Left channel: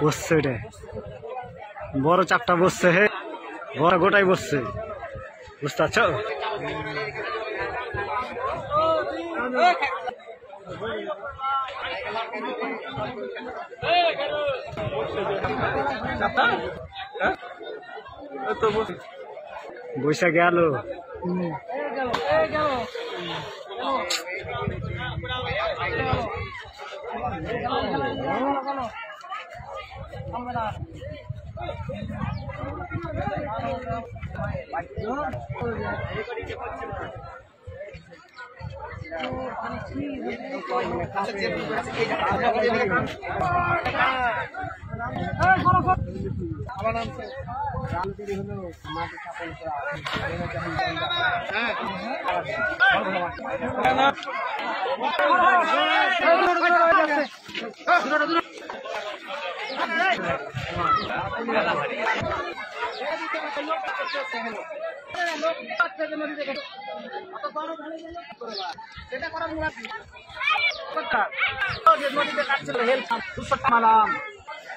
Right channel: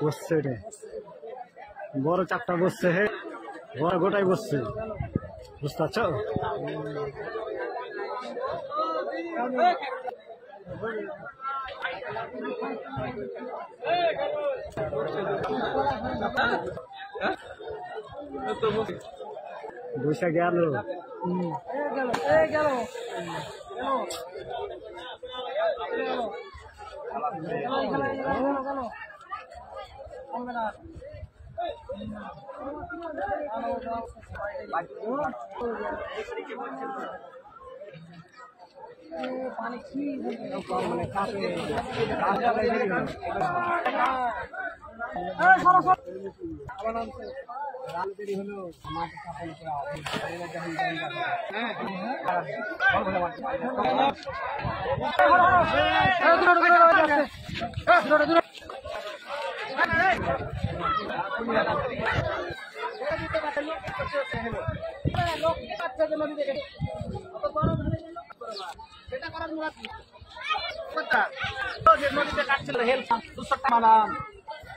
বসছে এটা বড় চাপটা বসছে, হে বড় গোটাই বসছে, বুঝতে পারছো? বৈশা গেল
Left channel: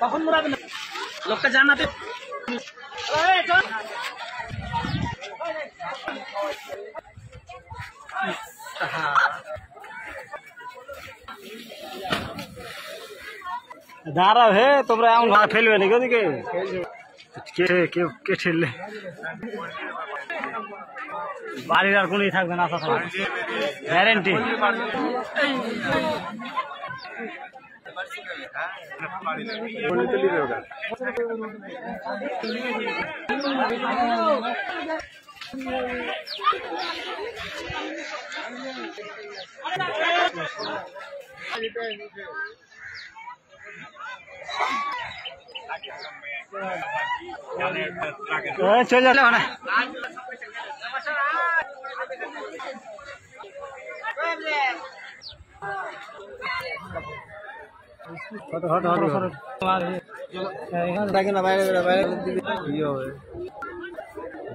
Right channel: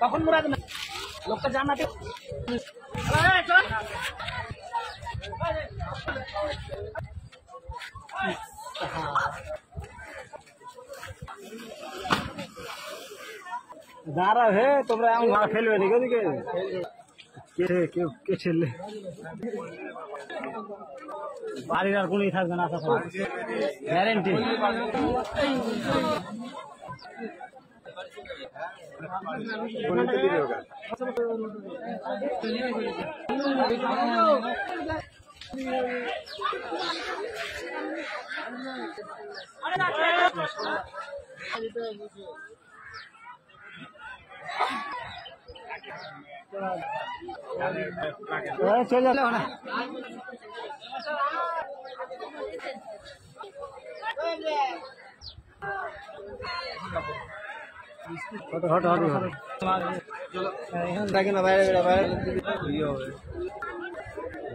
তখন মুরাবে না লোকটা জানাতে দাঁড়াও হে, তোমরা এমন ভাড়া ফেলবে নাকি ওদিকে? কে ঠেললে? বাড়ির আর কোনই থাকবে না, আসা থাকবে গ্যারেন্টি। চলে যাবে না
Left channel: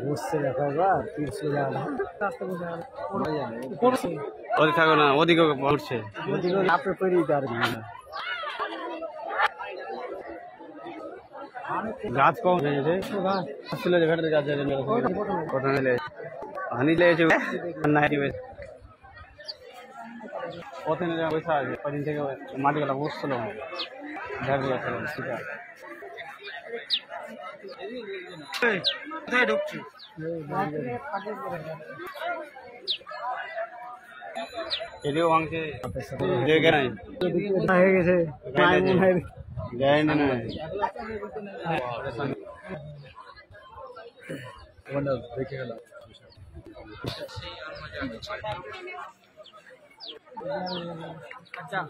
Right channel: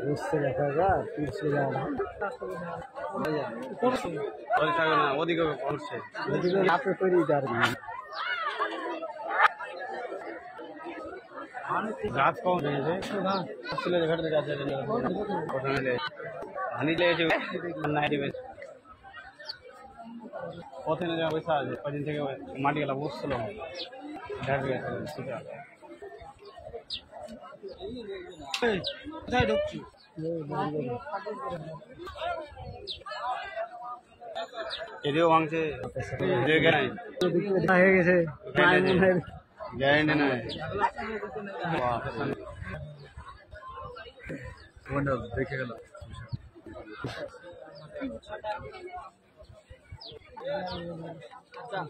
বসছে, দেখো একবার ওদিকে থাকো না, ওদিকে পড়ছে, ওদিকে আপনি তৈরি গাছ কম হানি লেগেছে প্রথমে পয়সা আছে, কদিন থেকে মাটিগুলা বসছিল ঢুকছি এদিকেও ভাঙছে হয়ে গেছে দেখে গেল। আচ্ছা